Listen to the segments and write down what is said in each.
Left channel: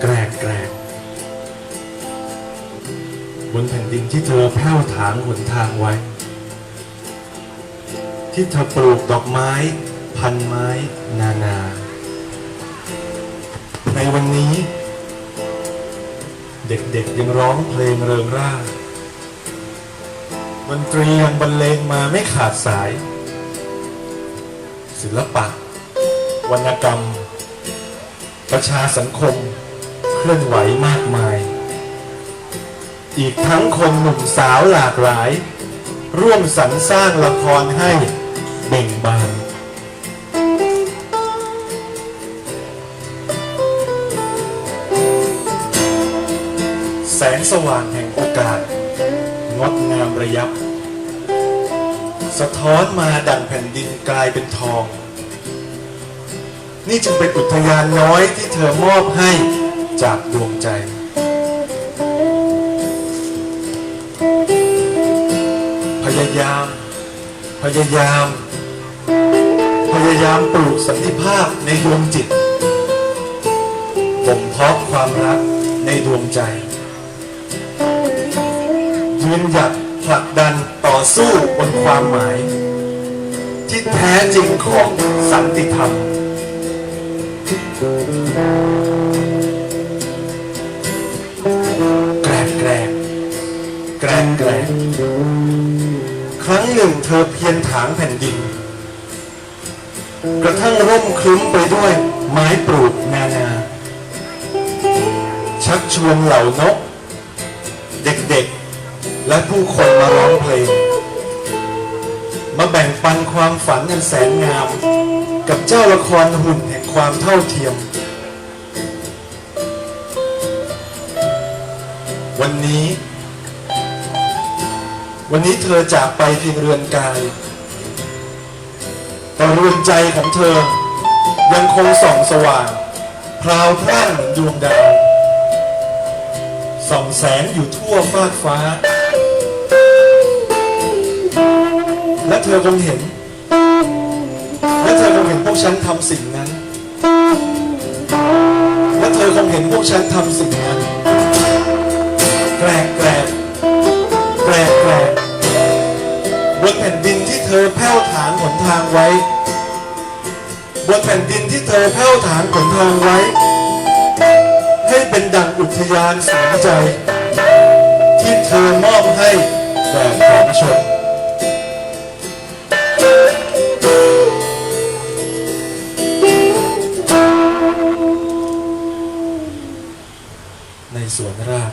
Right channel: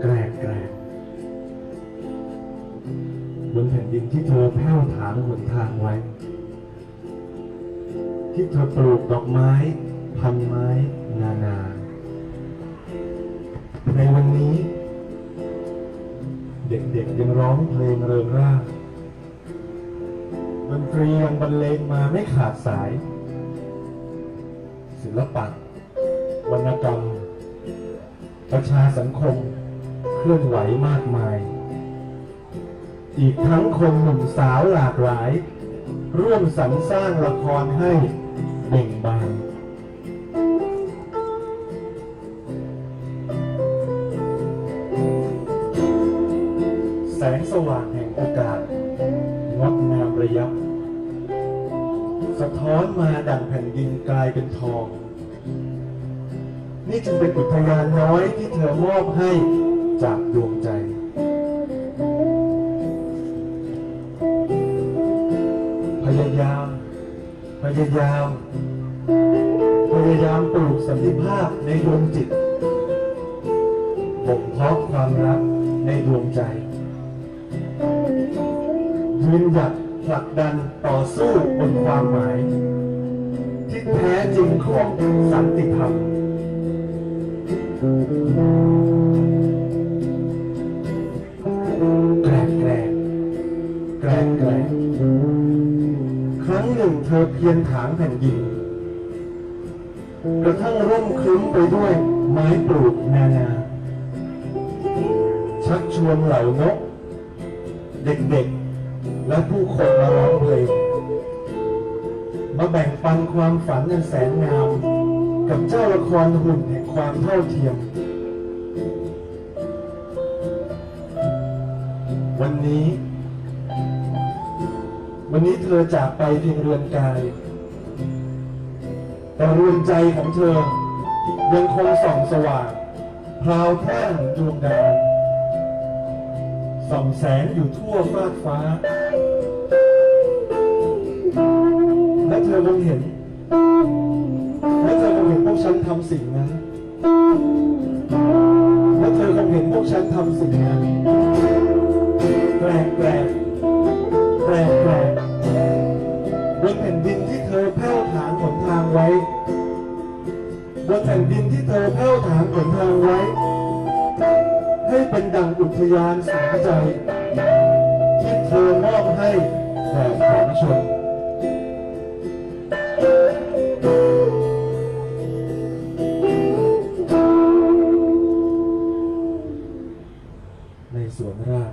แกรกแกรกบนแผ่นดินที่เธอแผ้วถางหนทางไว้ ที่เธอปลูกดอกไม้ พันไม้นานา ในวันนี้ เด็กๆยังร้องเพลงเริงร่าดนตรียังบรรเลงมาไม่ขาดสาย ศิลปะ วรรณกรรม ประชาสังคม เคลื่อนไหวมากมาย อีกทั้งคนหนุ่มสาวหลากหลาย ร่วมสรรสร้างละครให้เบ่งบานแสงสว่างแห่งโอกาส งดงามระยับ สะท้อนมาดังแผ่นดินกลายเป็นทอง นี่จึงเป็นอุทยานน้อยที่เธอมอบให้ จากดวงใจพยายาม พยายาม พยายามปลูกสันติภาพในดวงจิตบ่มเพาะความรักในดวงใจยืนหยัดผลักดันต่อสู้บนความหมาย ที่แท้จริงของสันติธรรม รั้งหนึ่งเธอเพียรถางแผ่นดิน กระทั่งร่มครึ้มไปด้วยไม้ปลูกนานา ชักชวนเหล่านก เด็กๆ และผู้คนมาร้องเพลง มาแบ่งปันความฝันอันแสนงาม กับเจ้าละครหุ่นแห่งความเท่าเทียม วันนี้ วันนี้เธอจากไปเพียงเรือนกาย แต่เรือนใจของเธอ ยังคงส่องสว่างพราวพร่างเหมือนดวงดาว ส่องแสงอยู่ทั่วฟากฟ้า และเธอคงเห็น และเธอคงเห็นพวกฉันทำสิ่งนั้น และเธอคงเห็นพวกฉันทำสิ่งนั้นแกรก บนแผ่นดินที่เธอแผ้วถางหนทางไว้ ให้เป็นดังอุทยานสนใจ ที่เธอมอบให้แด่ผงชนในสวนราช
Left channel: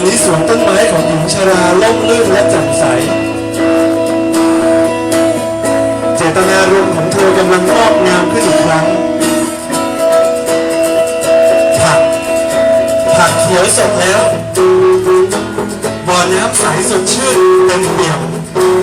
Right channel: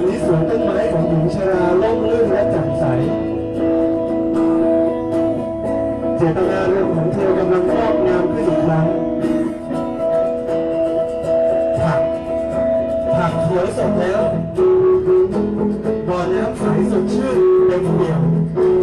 วันนี้สวนต้นไม้ของหญิงชราล่มลื่นและแจ่มใส เจตนารมณ์ของเธอกำลังงอกงามขึ้นอีกครั้ง ผัก ผักเขียวสดแล้วบ่อน้ำใสสดชื่นเต็มเปี่ยม